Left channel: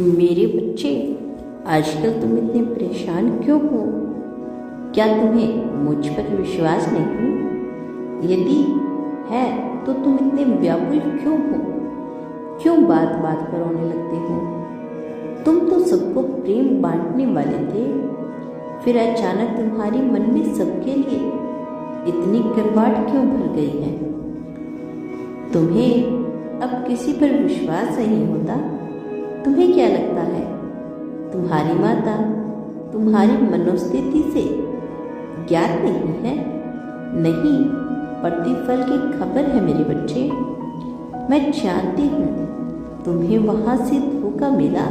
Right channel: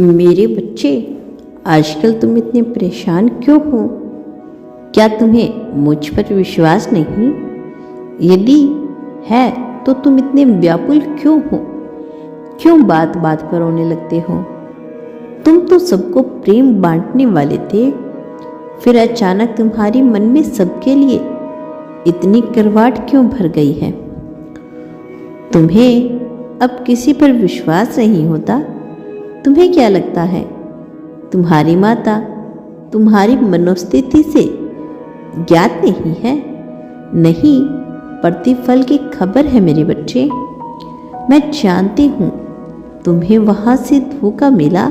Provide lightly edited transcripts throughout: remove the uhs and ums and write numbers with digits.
मेरे बच्चे, आजकल तुम इतने परेशान क्यों हो? क्या तुम्हें मुझ पर विश्वास नहीं? यदि है तो तुम इतने व्याकुल क्यों हो? क्यों बात बात पर रोने लगते हो? तुम तो सबको प्रेम बांटने वाले थे, फिर अचानक तुम्हारी मन में सबके लिए इतनी करवाट क्यों भर गई है? तुम्हें अब किसी पर विश्वास नहीं होता? तुम्हें क्या लगता है तुम्हारी माता तुम्हारी मनोस्थिति से ज्ञात नहीं है? नहीं, प्रतिफल की खबर है मेरे बच्चे। मैं जानती हूँ तुम्हें वहाँ से धोखा मिला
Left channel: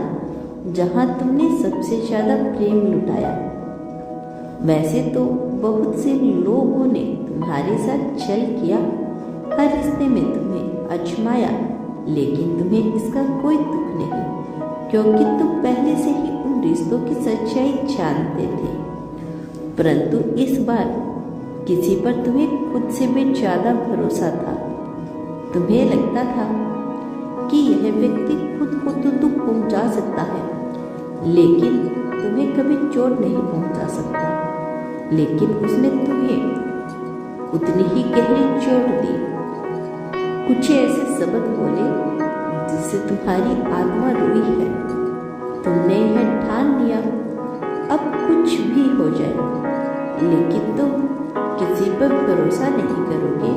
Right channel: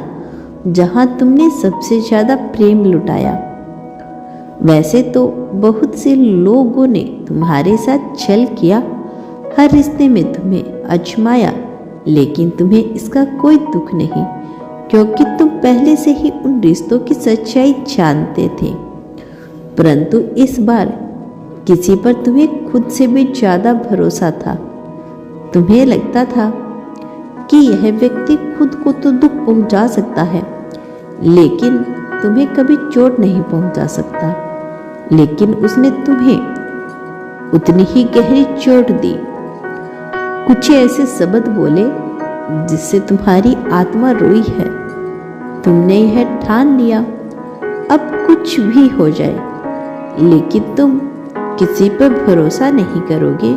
जहाँ तुमने सबसे ज़्यादा प्रेम लुटाया। वैसे तो बहुत से लोगों ने तुम्हारे साथ छल किया, हर रिश्ते में तुम्हें आजमाया, लेकिन तुम्हें इसका कोई दुख नहीं, क्योंकि तुम पहले से ही उन रिश्तों की सच्चाई जानते थे। परंतु इस बार किसी पर तुम्हें खुद से भी ज़्यादा भरोसा था। तुम्हें लगता था कि यह व्यक्ति खुद को तो दुख पहुंचा सकता है, लेकिन तुम्हें कभी चोट नहीं पहुंचा सकता। लेकिन उसने तुम्हें उतनी ही गहरी चोट दी। कुछ ऐसे शब्द बोले जिससे तुम्हारी आत्मा रोई है। तुमने यह ठान लिया अब कुछ भी हो जाए, लेकिन तुम किसी पर भरोसा नहीं करोगे।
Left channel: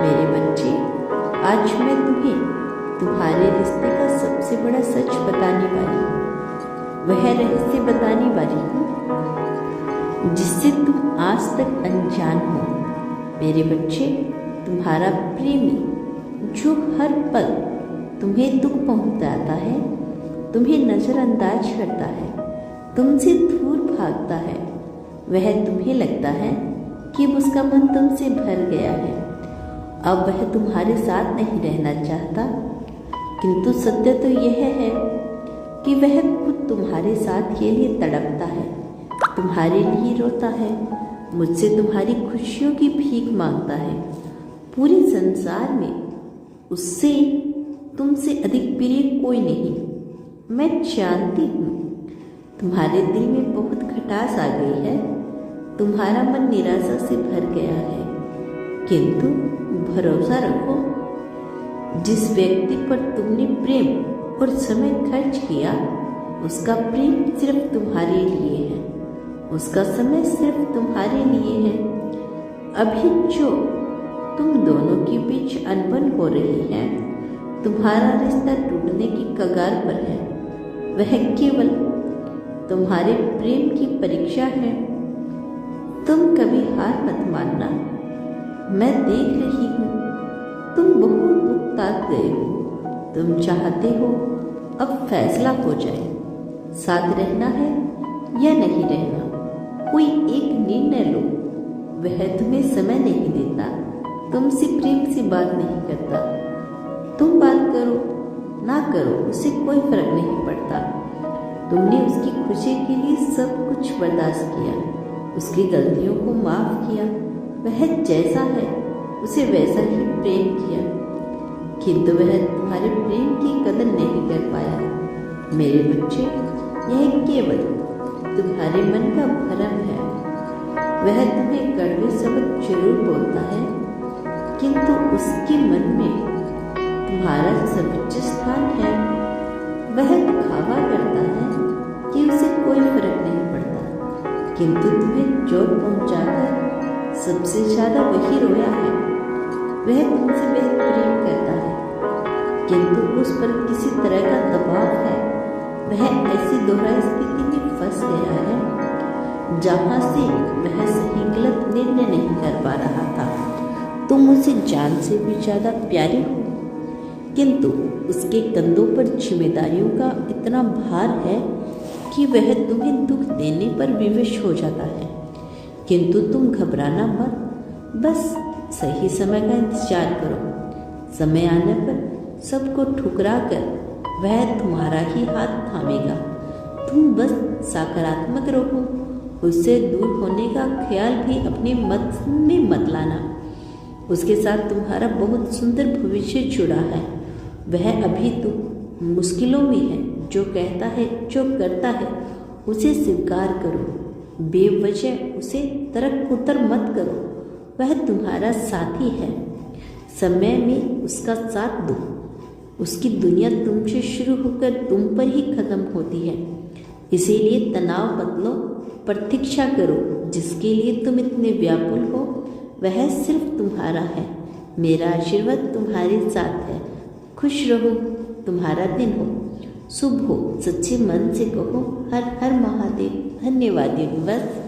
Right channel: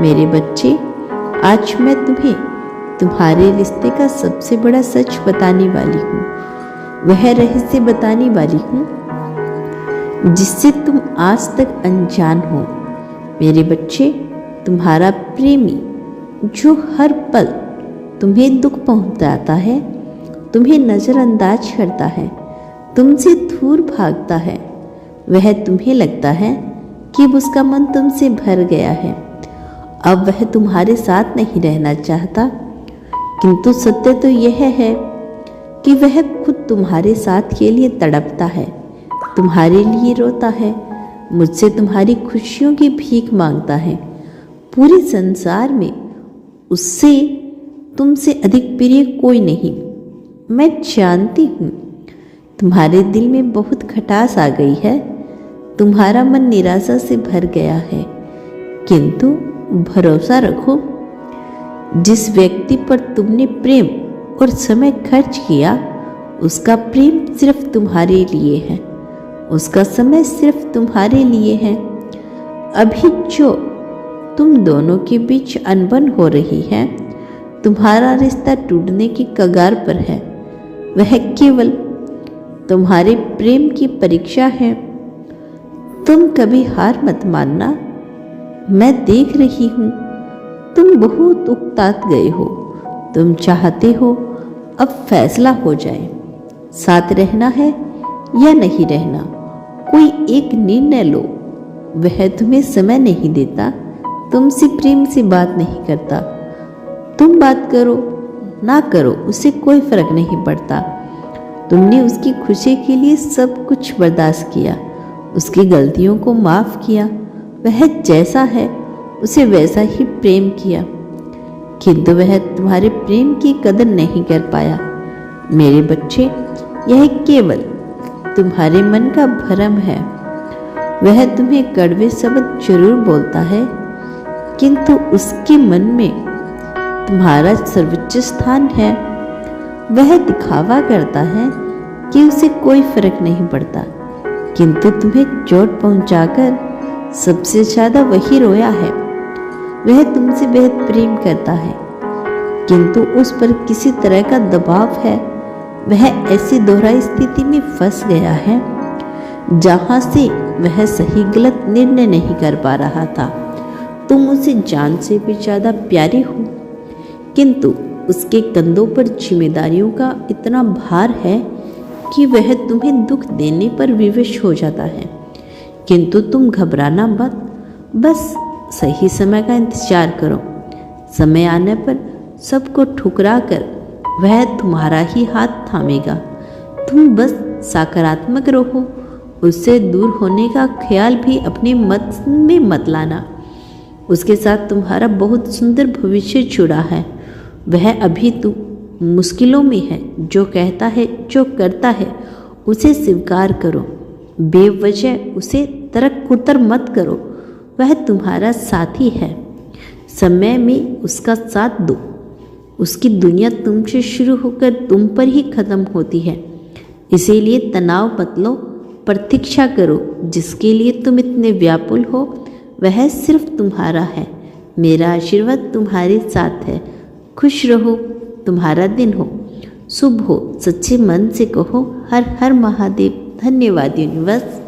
मेरे बच्चे, आज मैं तुम्हें तुम्हारे रिश्ते का सबसे बड़ा सच बताने वाली हूँ। वह रहस्य बताने वाली हूँ जिससे तुम आज तक अनजान हो। मेरे बच्चे, तुम्हारा प्रेमी जो हर पल तुम्हें दुख पहुंचाता है, तुम्हें नज़रअंदाज करता है, तुमसे दूर भागता है, वह तुम्हें लगता है कि उसका मन तुमसे भर गया है, अब वह तुम्हारे साथ नहीं रहना चाहता। किंतु सत्य तो यह है कि वह खुद तुम्हारे साथ के लिए तड़पता है, तुम्हारे लिए रोता है, मुझसे तुम्हारी खुशियों की भीख मांगता है। पूरे संसार में उससे तुमसे अधिक प्रिय कोई नहीं। मैं जानती हूँ तुम्हारे दिल में बहुत खटास आ गई है, तुम्हारा मन निराशा से भर गया है, किंतु भरोसा रखो, जिस व्यक्ति पर तुमने प्रेम और समय खर्च किया, उसका प्रेम सिर्फ तुम्हारे लिए है, उसका समय सिर्फ तुम्हारे लिए है। अभी जो तुम दोनों के बीच अनबन हो रही है, तुम्हारा रिश्ता टूटने की कगार पर है, वह केवल तुम्हारे प्रेम की परीक्षा है। तुम कभी हार मत मानना। मैं देख रही हूँ तुम बहुत उकता गए हो। तुम चाहते हो अब फैसला हो जाए, साथ रहना है या नहीं रहना। कोई एक निर्णय लो। वह तुम्हें समय नहीं देता, तुमसे प्रेम से बात नहीं करता। तुम बात करो ना करो, उससे कोई फर्क नहीं पड़ता। तुमने उसकी खुशी के लिए सब कुछ बर्दाश्त किया, उसकी गलतियों को माफ़ किया, वह जैसा है उसे वैसा ही प्रेम किया, किंतु वह तुम्हारे प्रेम की कदर नहीं कर पाया। मेरे बच्चे, यह केवल तुम्हारे मन का भ्रम है। वह तुम्हें कड़वे शब्द जरूर बोलता है, किंतु उसके मन में तुम्हारा सर्वोच्च स्थान है। वह दिखावा करता है कि उसे कोई फर्क नहीं पड़ता, किंतु तुम्हें चोट पहुंचाकर सबसे ज्यादा वही रोया है। वह तुमसे बेहद प्रेम करता है, किंतु उस पर किसी तरह का दबाव है। वह ऐसी दोहराई स्थिति में फंस गया है जहां से वह सही गलत निर्णय नहीं कर पा रहा था। तुम उसे जान से भी ज्यादा प्यारे हो, किंतु उसके कंधों पर जिम्मेदारियों का इतना भार है कि वह तुम्हें दुख देने पर विवश हो जाता है। किंतु तुम घबराना मत, बस सही समय का इंतजार करो। समय आने पर सबको ठुकरा कर वह तुम्हारा ही हाथ थामेगा। तुम बस सकारात्मक रहो, उससे दूर होने का ख्याल भी अपने मन में मत लाना। उसके साथ तुम्हारा बहुत सुंदर भविष्य जुड़ा है। वह अभी मुश्किलों में है, जो कहता है, जो करता है, उसे स्वीकार करो। बेवजह उसे तरक कुतर मत करो। वह तुम्हारा साथी है। समय में उसका साथ दो। उसकी दुनिया तुमसे शुरू होकर तुम पर ही खत्म होती है। इसीलिए तनाव मत लो, प्रतीक्षा करो। जिसके लिए तुम इतने व्याकुल हो वह सिर्फ तुम्हारा है। मेरा आशीर्वाद तुम्हारे साथ है। खुश रहो, तुम्हारा दिन हो शुभ हो। सच्चे मन से कहो हर हर महादेव। धन्यवाद यूनिवर्स।